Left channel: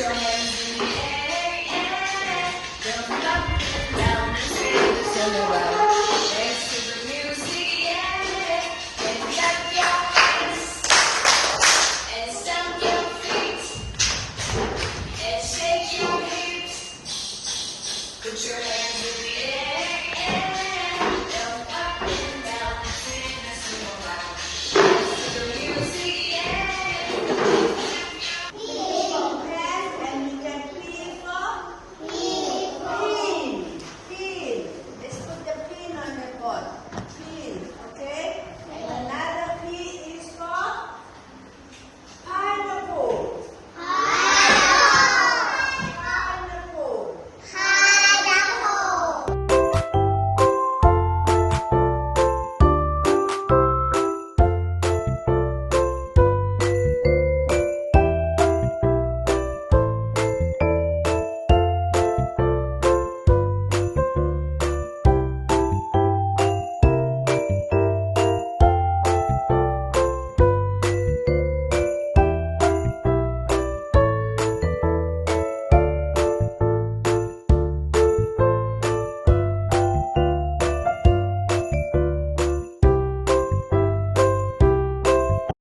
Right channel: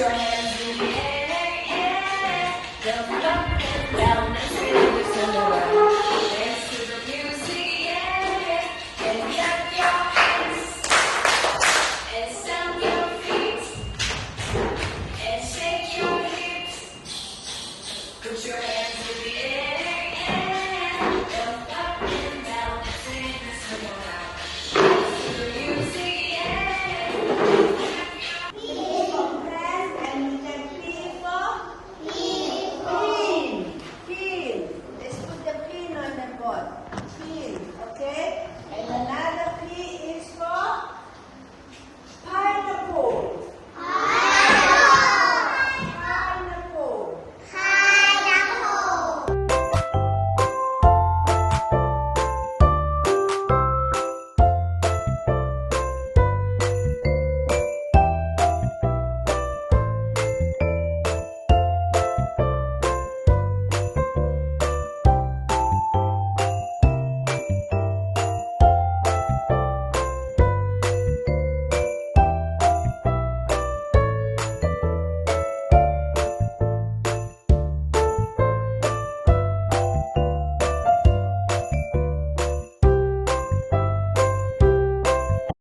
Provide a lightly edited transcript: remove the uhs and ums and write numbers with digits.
your hands in the air. Jump up and down and spin the sun around. Dance to the music, yeah. And clap your hands. And stomp your feet. And shake your hips. Put your hands in the air. Jump up and down and spin the sun around. Dance to the music, yeah. Let's put the pin on the board. Pin, okay?